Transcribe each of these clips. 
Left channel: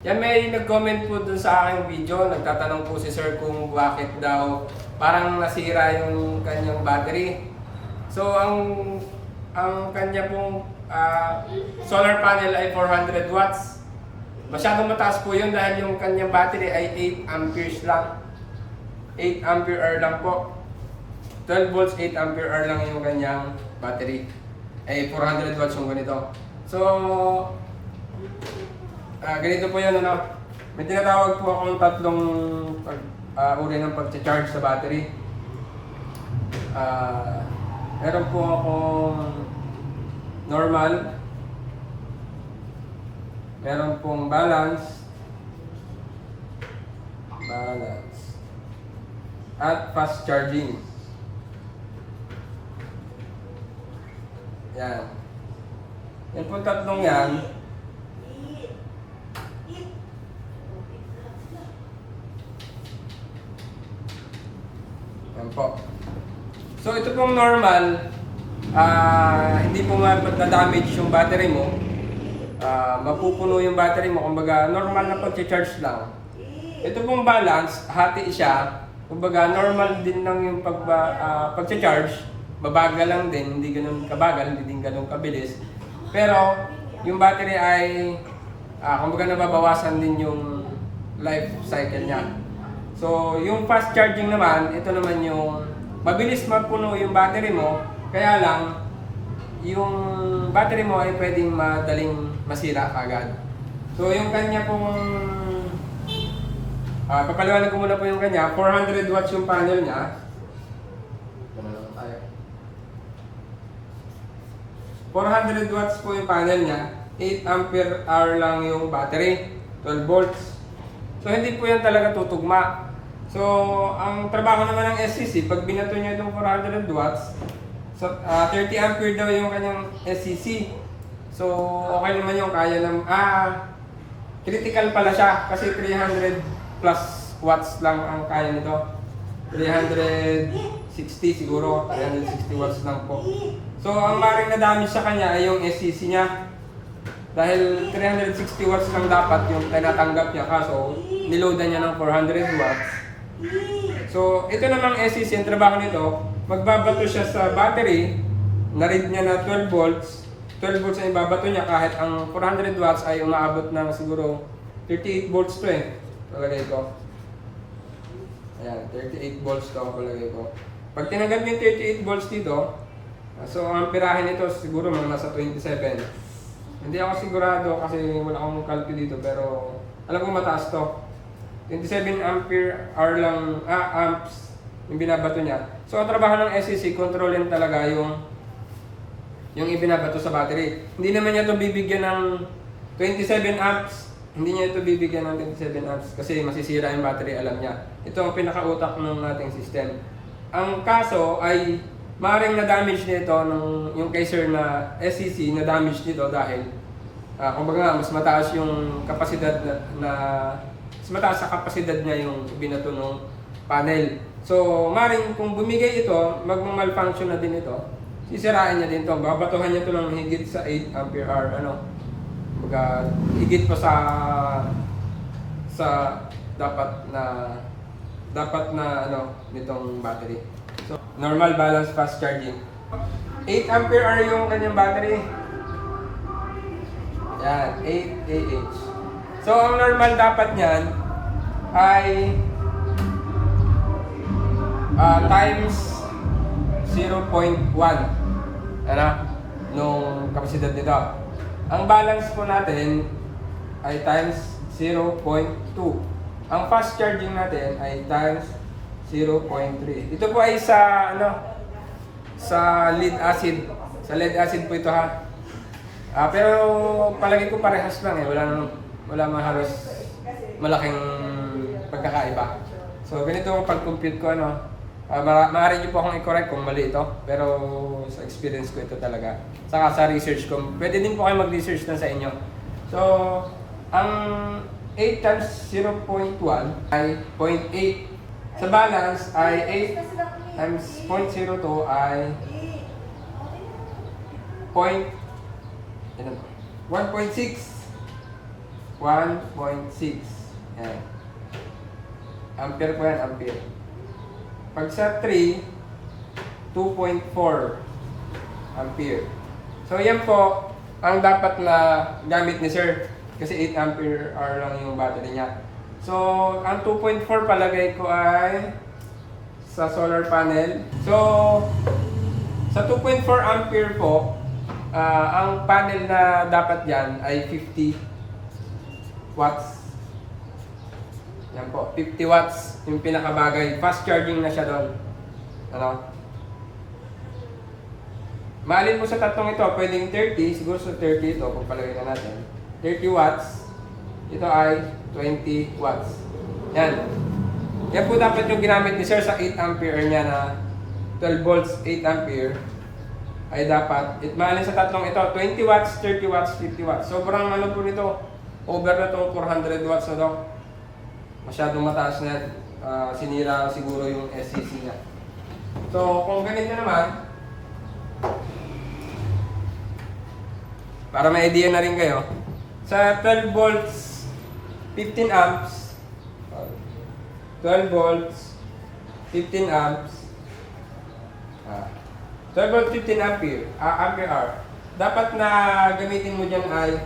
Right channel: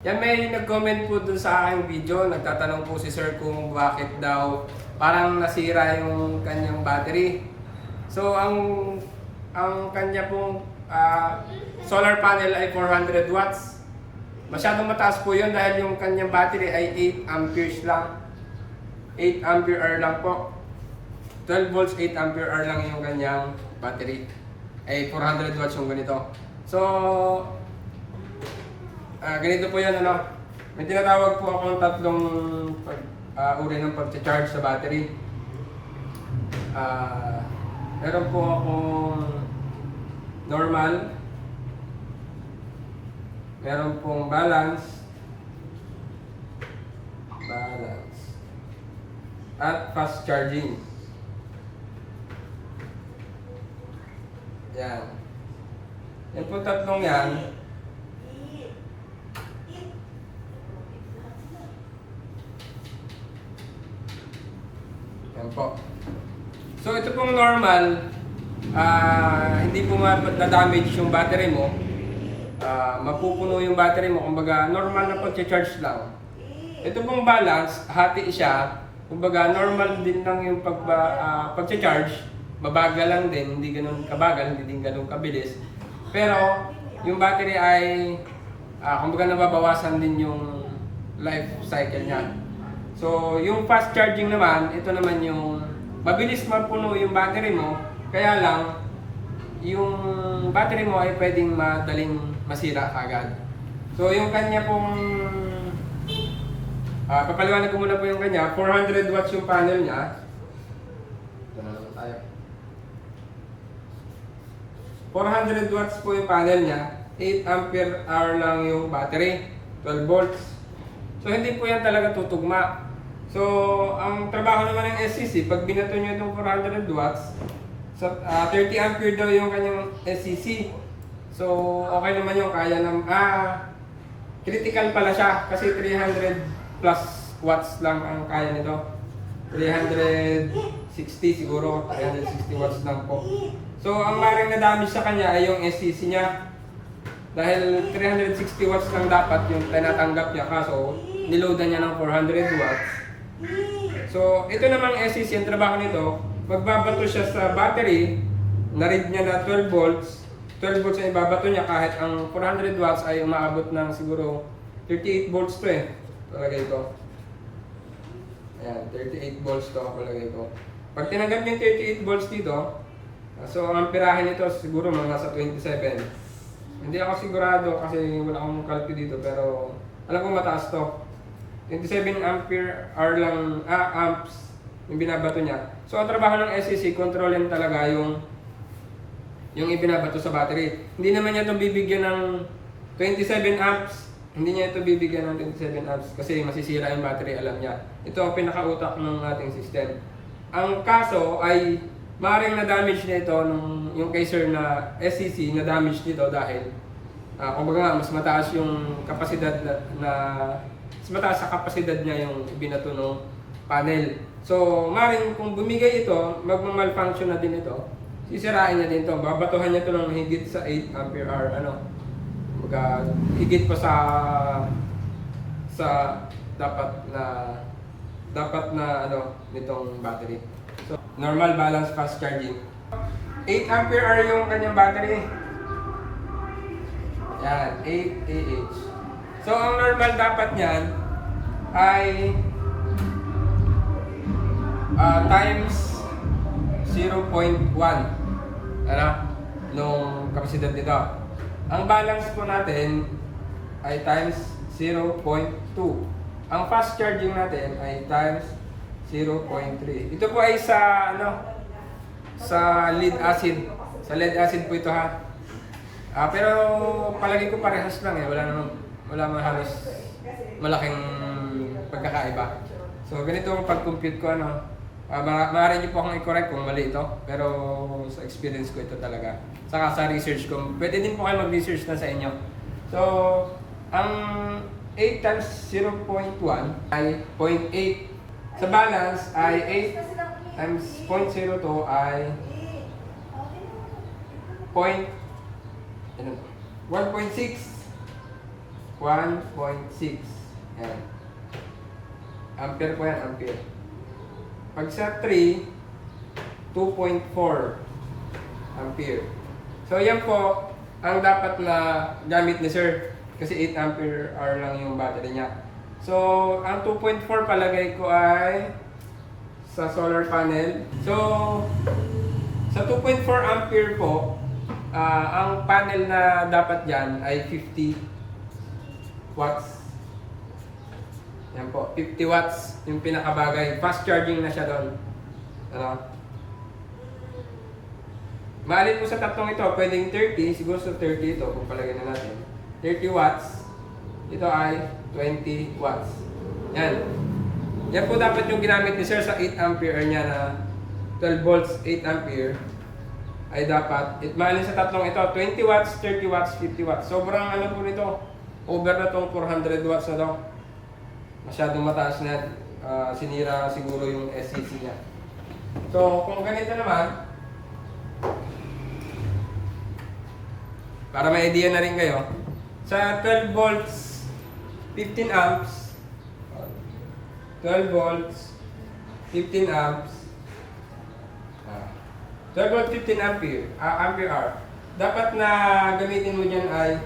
Yan, may nag-comment po dun sa aking video. Nagtatanong po si sir kung bakit daw parang nasira yung kanyang battery. So, ang kanya pong solar panel ay 400 watts. Masyadong mataas po yun dahil yung kanyang battery ay 8 amperes lang. 8 ampere hour lang po. 12 volts, 8 ampere hour lang yung kanyang battery. Ay 400 watts yung ganito. So, ganito po yan, ano. May tinatawag po akong tatlong uri ng pag-charge sa battery. Meron po akong normal, meron pong balance, at fast charging. Yan. Yan po tatlong yan. Yan po. So ito pong normal, hindi po ma-damage yung battery mo. Mapupuno yung battery mo, kumbaga normal na pag-charge lang. Ito pong balance, hati siya, kumbaga normal din lang yung pag-charge, mabagal lang din, hindi ganun kabagal, hindi din ganun kabilis. Pero yung battery ay, kumbaga nababawasan din yung life cycle niya. So, yung fast charging naman, ito naman yung mabilis mapuno yung battery mo, kaya lang yung battery mo ay pwedeng madaling masira agad. So, yung kanya pong papaliwanag ko muna po yung kanya, 400 watts yung panel niya. Ito na naman tayo. 400 watts po yung panel niya, 8 ampere hour lang yung battery, 12 volts. So, hindi po yan talaga tutugma. So, ang trabaho naman ng SCC, pag binato nyo itong 400 watts, so, 30 ampere daw yung kanyang SCC. So, okay naman yung kaya ng... critical pala siya kasi 300 plus watts lang ang kaya nito. 360 siguro, 360 watts lang po. So, ang maring na-damage sa kanya ay yung SCC niya. Dahil 360 watts lang dapat yung tinatanggap niya, kaso niloadan niya ng 400 watts. So, ito namang SCC, ang trabaho nito, magbabato siya sa battery, na-read niya na 12 volts. 12 volts ang ibabato niya kahit ang 400 watts ay umaabot ng siguro 38 volts to eh. Palagay ko. Ayan, 38 volts to palagay ko. Pag tinanggap niya yung 38 volts dito, so ang amperahe nito siguro mga nasa 27. Hindi ako sigurado kasi wala akong calculate dito pero alam ko mataas to. 27 ampere hour lang, amps yung binabato niya. So, ang trabaho ng SCC, kontrolin talaga yung ibinabato sa battery. Hindi naman niya ito bibigyan ng 27 amps. Hindi niya ito bibigyan ng 27 amps kasi masisira yung battery, alam niya. Ito ang pinakautak ng ating system. Ang kaso ay maaaring na-damage nito yung kay sir na SCC, na-damage nito dahil kumbaga mas mataas yung kapasidad mataas sa kapasidad niya yung binato ng panel. So, maring kung bumigay ito, magmamalfunction na din ito. Sisirain niya din ito. Babatuhan niya ito ng higit sa 8 ampere hour. Higit pa sa dapat na nitong battery. So, normal, balance, fast charging. 8 ampere hour yung kanyang battery. Yan, 8 AH. So, ang normal dapat niyan ay times 0.1 nung kapasidad nito. Ang balance po natin ay times 0.2. Ang fast charging natin ay times 0.3. Ito po ay sa lead acid. Sa lead acid po ito ha. Pero palagi ko parehas lang eh. Wala halos malaking pagkakaiba. So, ganito ang pag-compute ko, maaari niyo po akong i-correct kung mali ito, pero sa experience ko ito talaga. Saka sa research ko, pwede din po kayo mag-research na sa inyo. So, ang 8 times 0.1 ay 0.8. Sa balance ay 8 times 0.02 ay 1.6. 1.6. Yan. Ampere po yan, ampere. Pag sa 3, 2.4 ampere. So yan po ang dapat na gamit ni sir. Kasi 8 ampere hour lang yung battery niya. So ang 2.4 palagay ko ay sa solar panel. So sa 2.4 ampere po, ang panel na dapat dyan ay 50 watts. Yan po, 50 watts yung pinakabagay. Fast charging na siya doon. Ano? Maalin po sa tatlong ito, pwedeng 30, siguro sa 30 ito, kung palagay na natin. 30 watts, ito ay 20 watts. Yan. Yan po dapat yung ginamit ni sir sa 8 ampere niya na 12 volts, 8 ampere. Ay dapat, maalin sa tatlong ito, 20 watts, 30 watts, 50 watts. Sobrang ano po nito, over na itong 400 watts na to. Masyadong mataas na yan. Sinira siguro yung SCC niya. So, kung ganito naman, para may idea na rin kayo, sa 12 volts, 15 amps, 12 volts, 15 amps, 12 volts, 15 ampere, ampere hour. Dapat na gamitin mo dyan ay,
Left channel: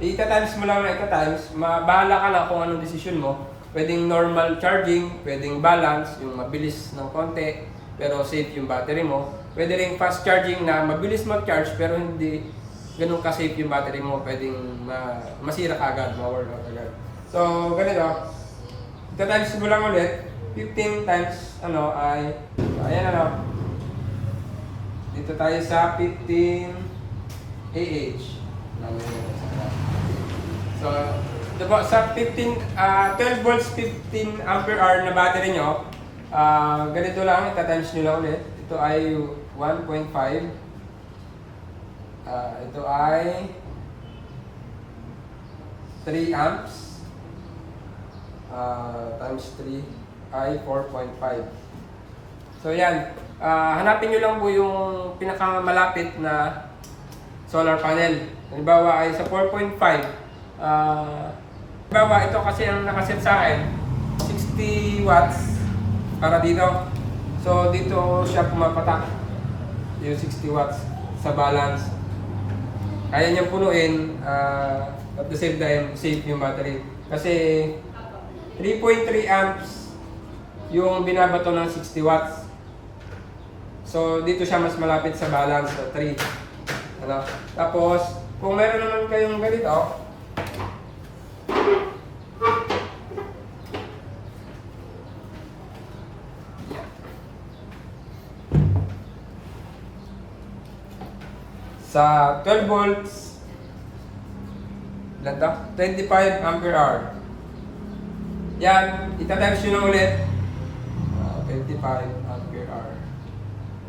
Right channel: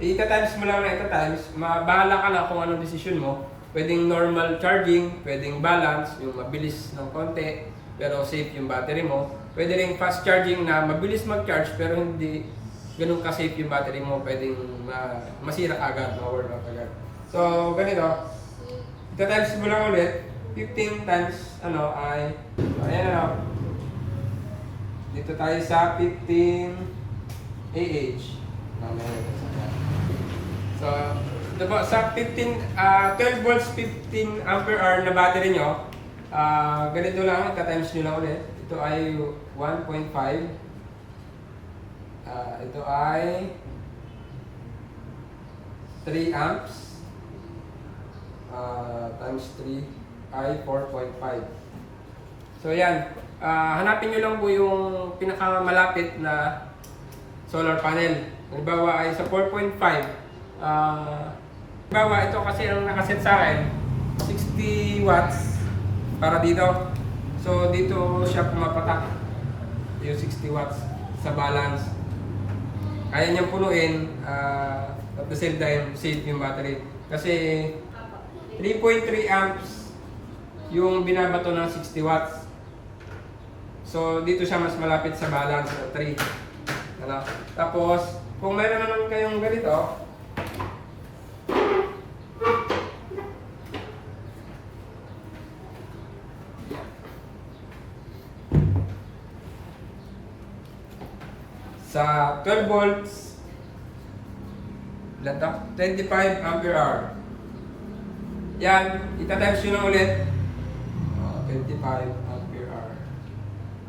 ita-times mo lang na ita-times, mabahala ka na kung anong decision mo. Pwedeng normal charging, pwedeng balance, yung mabilis ng konti, pero safe yung battery mo. Pwede rin fast charging na mabilis mag-charge, pero hindi ganun ka-safe yung battery mo, pwedeng masira agad, ma-worn out agad. So, ganito. Ita-times mo lang ulit. 15 times, ano, ay, ayan ano. Dito tayo sa 15 AH. So, diba, sa 12 volts, 15 ampere hour na battery nyo, ganito lang, ita-times nyo lang ulit. Ito ay 1.5. Ito ay 3 amps times 3 ay 4.5. So yan, hanapin nyo lang po yung pinakamalapit na solar panel. Halimbawa ay sa 4.5. Halimbawa ito kasi ang nakaset sa akin 60 watts para dito. So dito siya pumapatak yung 60 watts sa balance. Kaya niyang punuin, at the same time, safe yung battery. Kasi 3.3 amps yung binabato ng 60 watts. So, dito siya mas malapit sa balance ng 3. Ano? Tapos, kung meron naman kayong ganito, sa 12 volts, ilan to? 25 ampere hour. Yan, ita-times nyo lang ulit. 25 ampere hour.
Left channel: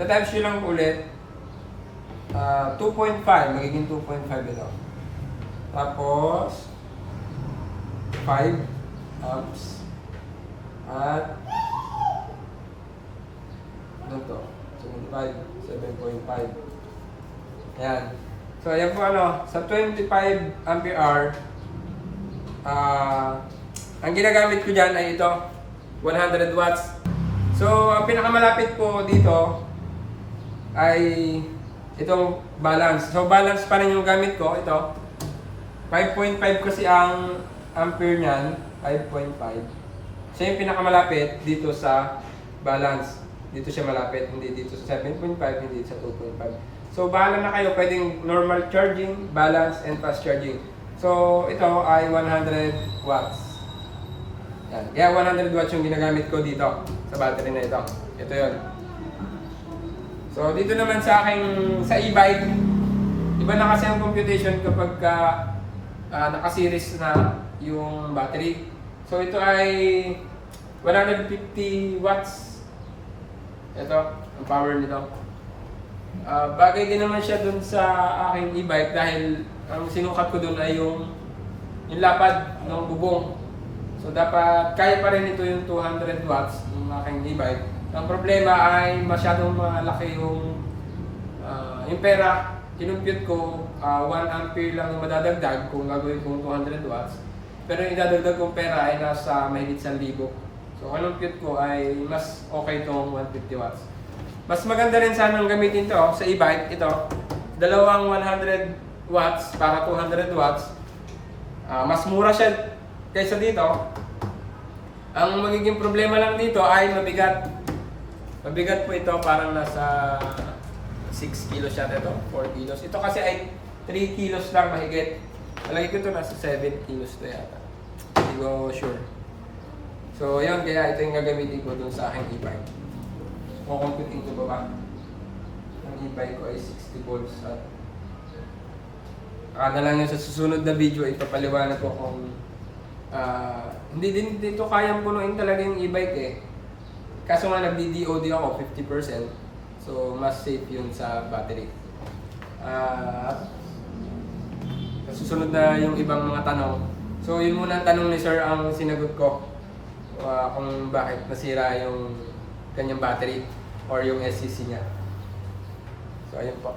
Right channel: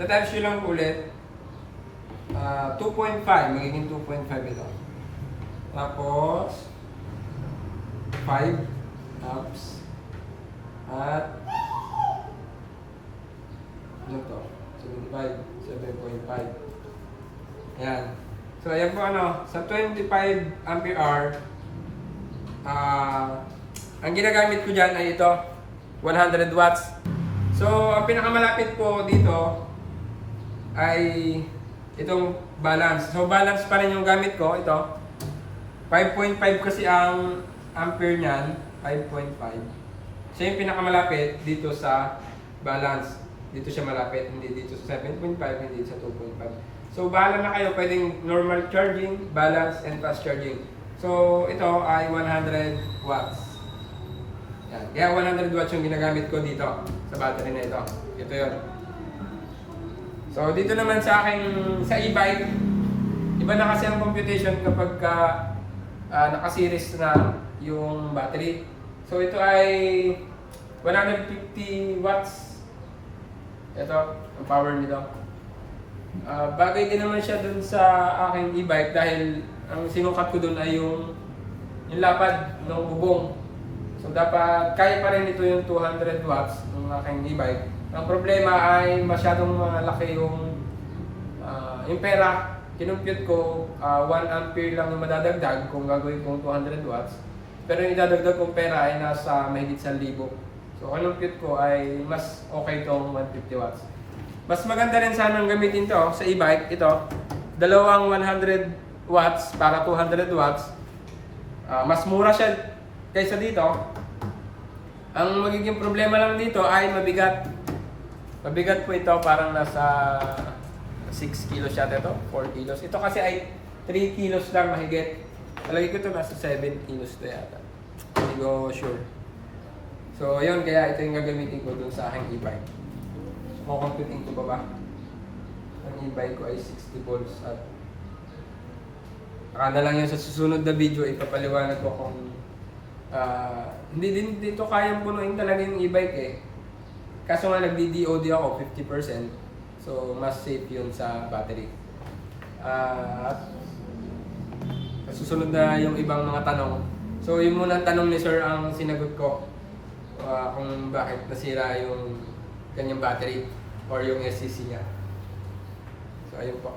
Ita-times nyo lang ulit. 2.5, magiging 2.5 ito. Tapos, 5 amps. At, ano to? 75, 7.5. Ayan. So, ayan po ano, sa 25 ampere hour, ang ginagamit ko dyan ay ito, 100 watts. So, ang pinakamalapit ko dito ay itong balance. So, balance pa rin yung gamit ko, ito. 5.5 kasi ang ampere niyan, 5.5. Siya yung pinakamalapit dito sa balance. Dito siya malapit, hindi dito sa 7.5, hindi sa 2.5. So, bahala na kayo, pwedeng normal charging, balance, and fast charging. So, ito ay 100 watts. Yan. Kaya 100 watts yung ginagamit ko dito sa battery na ito. Ito yun. So, dito naman sa aking, sa e-bike, iba na kasi ang computation kapag naka-series na yung battery. So, ito ay 150 watts. Ito, ang power nito. Bagay din naman siya dun sa aking e-bike dahil ang sinukat ko dun ay yung lapad ng bubong. So dapat kaya pa rin ito yung 200 watts ng aking e-bike. Ang problema ay masyadong malaki yung pera. Kinumpute ko 1 ampere lang madadagdag kung gagawin kong 200 watts. Pero yung idadagdag kong pera ay nasa mahigit 1,000. So ang compute ko ay mas okay tong 150 watts. Mas maganda rin sanang gamitin to sa e-bike. Ito, dalawang 100 watts para 200 watts. Mas mura siya kaysa dito. Ang magiging problema lang dito ay mabigat. Mabigat po ito, parang nasa 6 kilos siya ito, 4 kilos. Ito kasi ay 3 kilos lang mahigit. Talagay ko ito nasa 7 kilos to yata. Hindi ko sure. So yun, kaya ito yung gagamitin ko dun sa aking e-bike. So kukumputin ko ba? Ang e-bike ko ay 60 volts at na lang yun sa susunod na video ipapaliwanag ko kung hindi din dito kayang punuin talaga yung e-bike eh. Kaso nga nagdi-DOD ako 50%. So mas safe yun sa battery. At sa susunod na yung ibang mga tanong. So yun muna ang tanong ni Sir ang sinagot ko. Kung bakit nasira yung kanyang battery or yung SCC niya. So ayun po.